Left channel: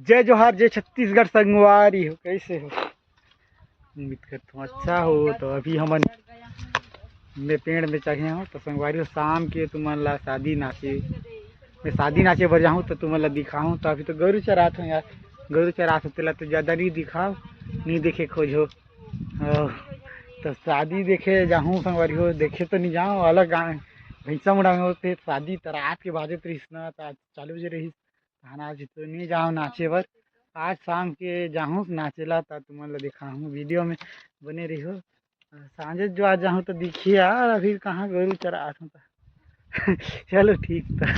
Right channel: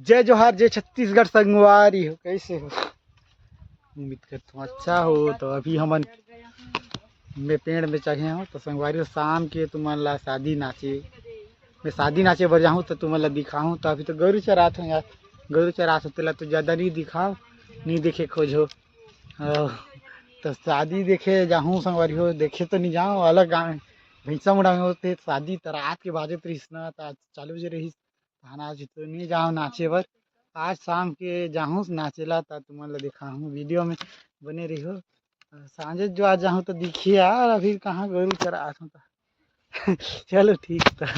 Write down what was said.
जय जोहार, जय छत्तीसगढ़ संगवारी हो। कैसे हो? उम्मीद करता हूँ अच्छा हो। तो अभी हमन मैं पेड़ में चढ़े हूँ तो संगवारी हो शाम के तुमन ला शादी नाचे मैं शादी नाचे बर जाऊँ तो तुमन ला दिखाऊँ। तो अभी तो गरु चरात हूँ यार, गरु चरात हूँ तेला तो ज़्यादा नहीं दिखाओ, नहीं देखे खोजो। तो शादी देखे जाऊँ संगवारी हो, देखे तो नहीं जाऊँ अलग गाँव भैंसा मुड़ा में होते शादी तो रात के बाजे तो ना तो आज 4 बजे रही खाना। आज तो नहीं जाऊँ नाचे बर, आज शाम के जाऊँ नाचेला तो तुमन ला दिखाऊँ। वीडियो में बने रहियो। सांझे जो आज जाऊँ तो दिखिए यार, अभी कहाँ गरु चरा चलो ठीक था।